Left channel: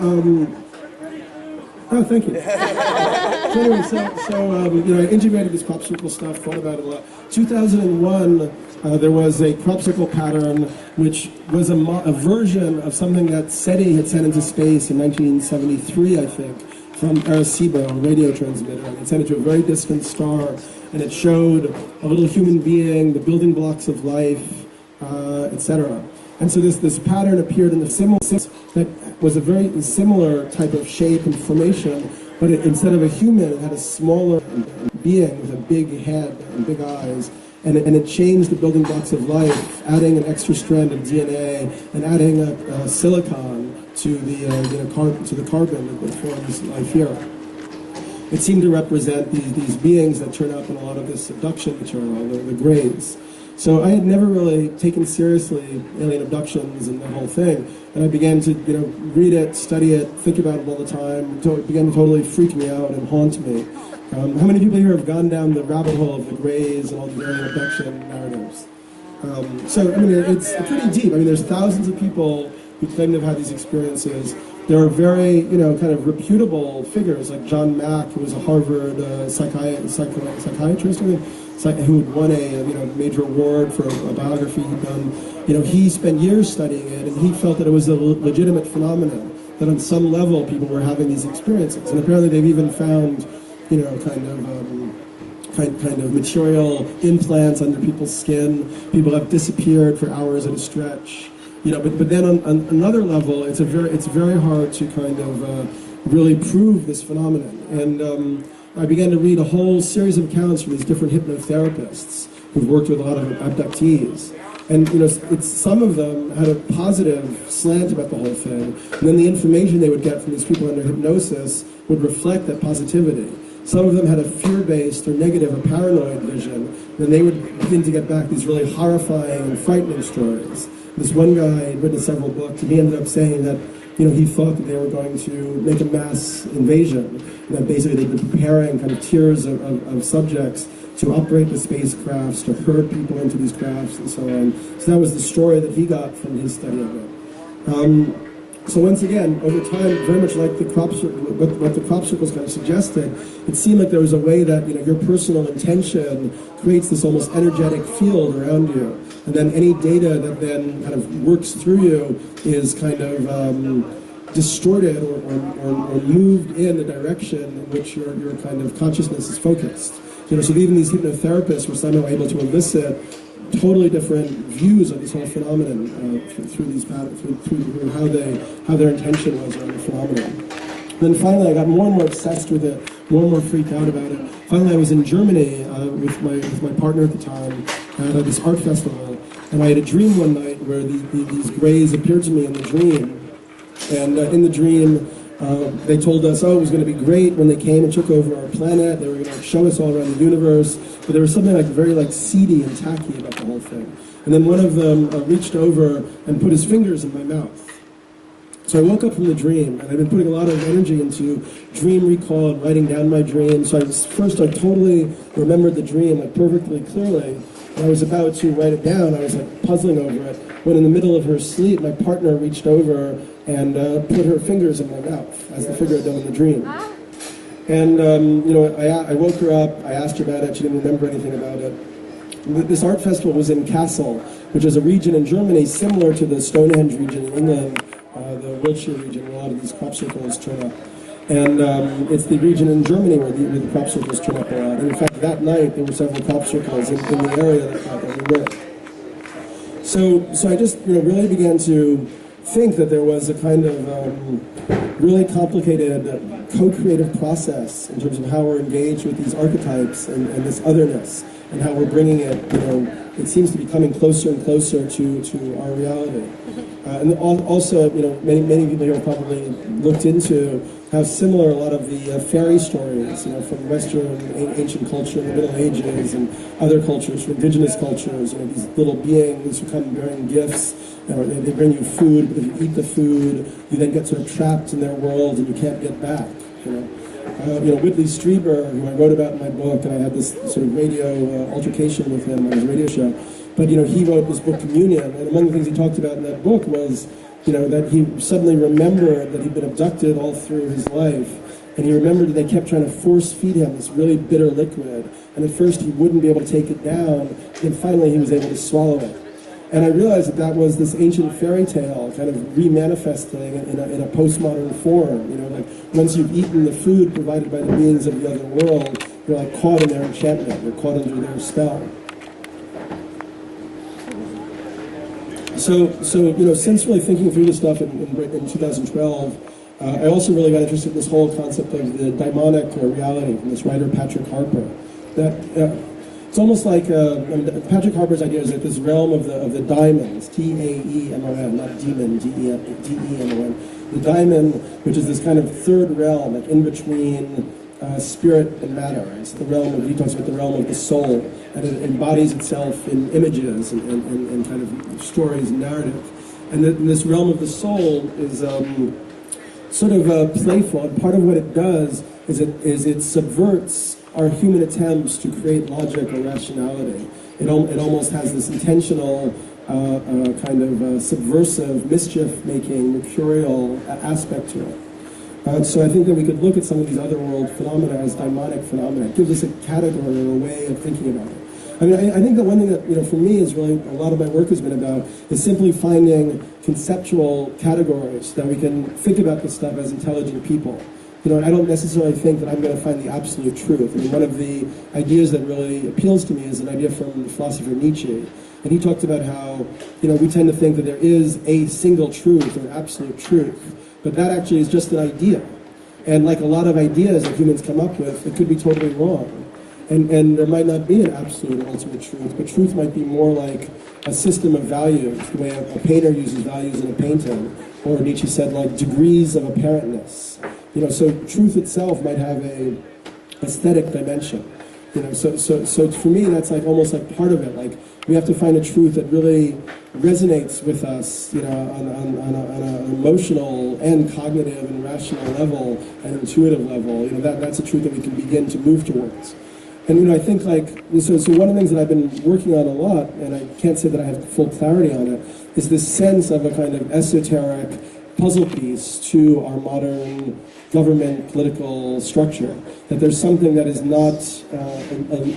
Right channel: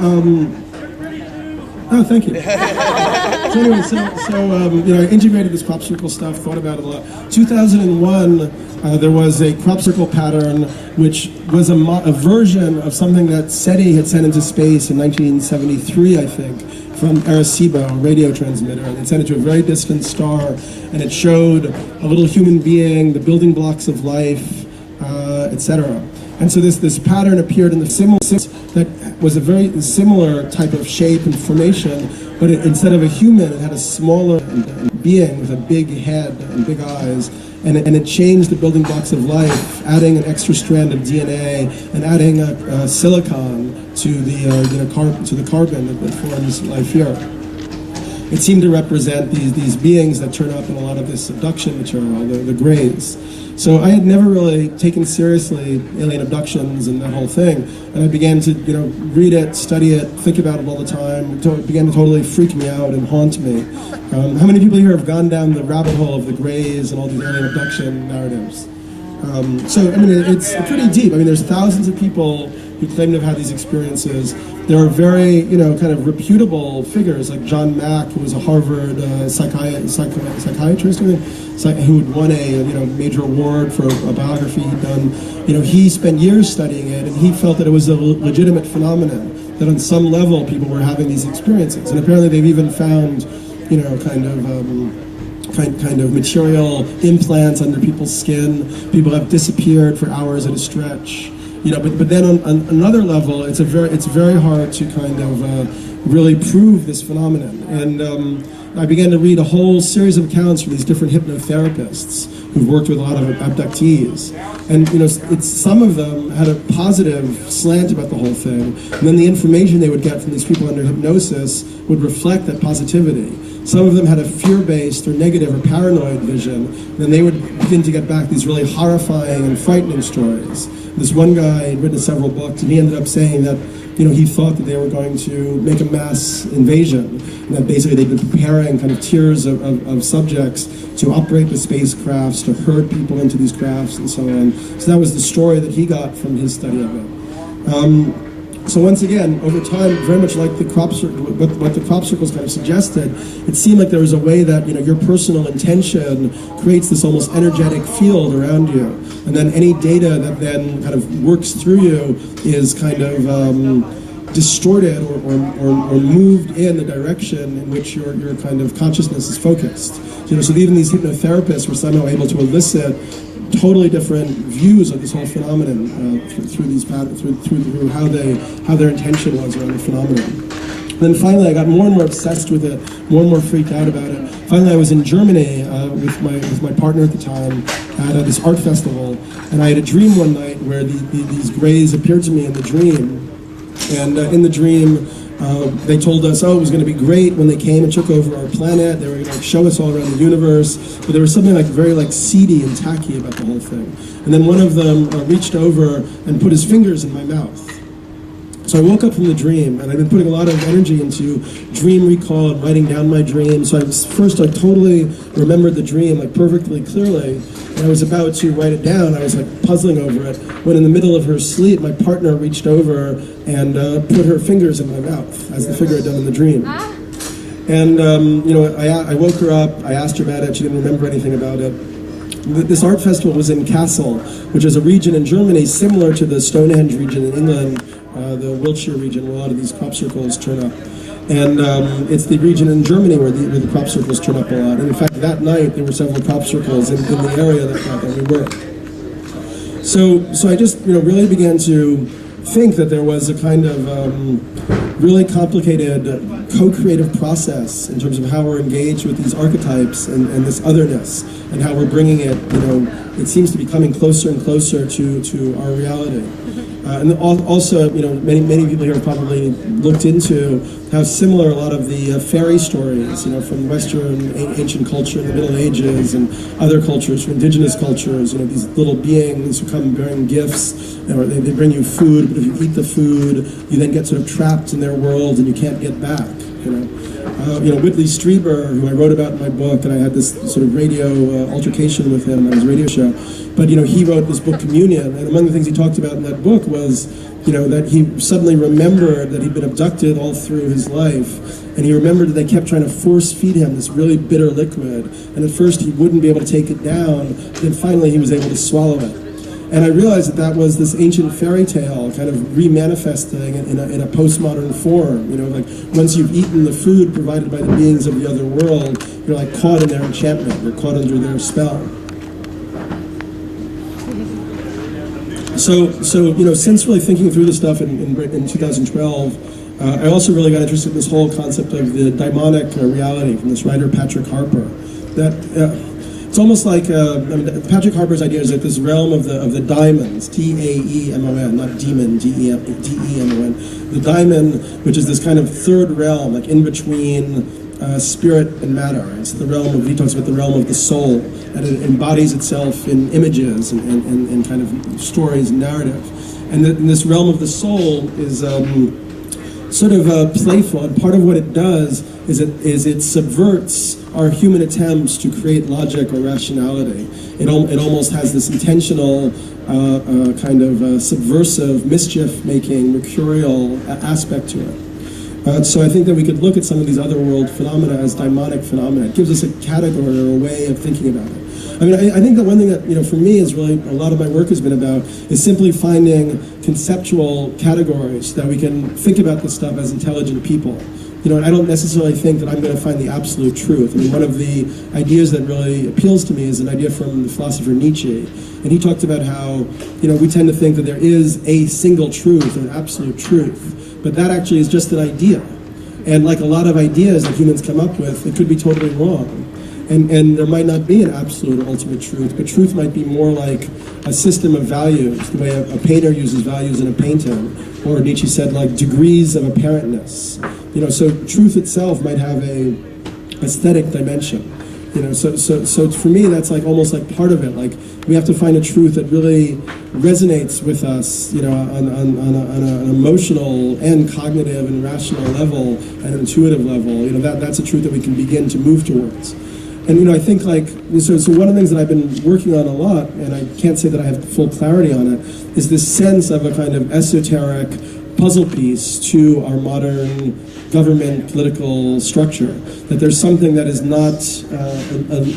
Oh, thank you. So anyway, I integrated this crop circle stuff, thought about it a lot. 2001, there was a crop circle pattern, which was a version of something that SETI had sent into space in 1973, I think, from Arecibo, a radio transmitter. And it sent it to a very distant star, and it showed a little human being, the building blocks of life, etc. And so this pattern appeared in the similar that was a very similar type of shape and formation, but instead of a human, it had a smaller being with a big head and big eyes, and it changed the building blocks of life, adding an extra strand of DNA and adding a silicon to the carbon that forms life here. It seemed to represent these beings that turn up in a lot of this abduction material, the grays. So I had never really taken seriously alien abductions and that whole thing, and I began to read it, study it, think about it all the time. It began to totally freak me out and haunt me. How many people here have gone down the rabbit hole of the grays and all these alien abduction narratives? It's pretty deep. There's thousands of people who claim to have had these experiences. There are very, kind of reputable figures like John Mack, who was a Harvard psychiatrist, who had won a major award for a biography he'd done. He spent years studying it, and he felt that it was a legitimate phenomenon, that on some level people were having these experiences. And apparently they've even found, kind of material implants under people's skin. People have disappeared for hours at a stretch. But then on another level, it's very hard to kind of really prove this phenomenon. And I began to read a whole series of accounts from these different hypnotherapists who've worked with a lot of abductees. And some of them had a positive slant about the whole thing, and then the information they would get from these people under hypnosis would reflect that positivity. Some of them had a fear-based or negative or paranoid vision, and then they would begin to get back these really horrifying and frightening stories. This one guy had written several books, and he ended up saying that he thought that they were going to make a mass invasion, and that basically they'd been preparing kind of tiers of subjects to operate the spacecrafts, to herd people into these crafts, and so on. So that was the story that he got from his study of it. So once again, over time, very much like what the crop circles kind of suggested, it seemed like there was a way that your personal intention creates this almost energetic field around you, and then any data that then kind of works through you is kind of distorted or moved in the direction in which your kind of consciousness is focused. So even these hypnotherapists were somehow able to elicit totally different views of this whole phenomenon through these patterns, through how their intention was around the phenomenon. Then finally, I got more and more obsessed with it, more and more freaked out about it. Finally, I was in Germany with my partner at the time at this art festival, and I had a dream one night where these grays appeared to me in the dream, and in the dream. They told us, it was going to be great when they came and took over our planet. They were going to show us all around the universe. But there was something very seedy and tacky about the whole thing. And then one of them reached over and put his fingers in my mouth. So I woke up from the dream, and I've been putting a lot of energy into dream recall and writing down my dream. So I totally remembered the dream perfectly clearly. And I was about to write it down. I was puzzling over it, when in the middle of her sleep, my partner reached over and put her fingers in my mouth, as the figure had done in the dream. And I woke her up. I asked her about it. She didn't remember anything about it. This art festival was in Kassel, which is a region in Germany similar to the Stonehenge region in England, the Wiltshire region, where a lot of these crop circles turn up. And it's the region in Germany where the crop circles turn up a lot. And in fact, that night there were several crop circles in the area that we were. So I just really began to think that there was a kind of really complicated co-creative process in terms of how we're engaged with these archetypes and this otherness, and how we're bringing it, it seems to be coming closer and closer to our reality. And also, many people here have probably looked into how similar a lot of the fairy stories, from Western ancient culture in the Middle Ages and other cultures, from indigenous cultures, these little beings who come bearing gifts, or they bring you food, but if you eat the food, you then get sort of trapped in their world and you can't get back, Whitley Strieber, who I wrote about in my book, and I had this sort of radio altercation with him on his radio show. But he wrote this book, Communion, and one of the things he talked about in that book was, that he suddenly remembered that he'd been abducted all through his life, and he remembered that they kept trying to force feed him this really bitter liquid, and at first he wouldn't be able to take it down, then finally he was able to swallow it. And I realized that that was this ancient fairy tale kind of remanifesting in a postmodern form. Like once you've eaten the food provided by the beings of the other world, you're like caught in their enchantment, you're caught under their spell. So since really thinking through this stuff in 2012, I also really got interested in this whole concept of the daimonic reality from this writer Patrick Harper. That it's almost like Patrick Harper's idea is that this realm of the daimons, Daemon, not demon, Demon, the daimon, which is this kind of third realm, like in between spirit and matter. It's the realm of, he talks about the realm of the soul, and it embodies itself in images and kind of stories and narrative. And this realm of the soul is sort of playful, and part of what it does is it subverts our human attempts to create logic or rationality. It almost has this intentional kind of subversive, mischief-making, mercurial aspect to it. So I think that we could look at some of these other world phenomena as daimonic phenomena. It gives us a category or a way of thinking about it. I mean, I think that one thing that, for me is really a lot of my work has been about is simply finding conceptual categories that we can think about this stuff as intelligent people. I don't necessarily think that I'm going to find the absolute truth. I mean, one of the ideas that really appeals to me is an idea from the philosopher Nietzsche. And he talked about how, we tend to think that there is a single truth or an absolute truth. But that actually is just an idea. And like a lot of ideas that humans come up with, it could be totally wrong. And there might not be an absolute or ultimate truth, but truth might be more like a system of values, the way a painter uses values in a painting, or Nietzsche said, like degrees of apparentness. So truth itself might have a aesthetic dimension. So for me, that's like almost like part of it. Like we have to find a truth that really resonates with us, on an emotional and cognitive and rational level and intuitive level. That's a truth that we can begin to move towards. And I think so one of the things that I've been working on a lot, and I can't say that I have full clarity on it, is this sense of a kind of esoteric puzzle piece to our modern government political structure. That there's something that is not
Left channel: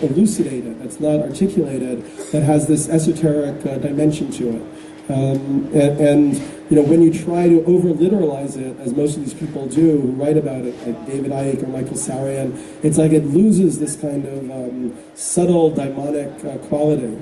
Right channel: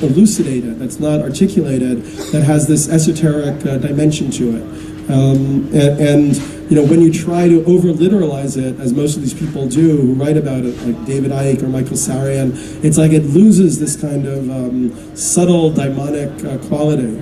elucidated, that's not articulated, that has this esoteric dimension to it. When you try to over-literalize it, as most of these people do who write about it, like David Icke or Michael Sarian, it's like it loses this kind of subtle daimonic quality.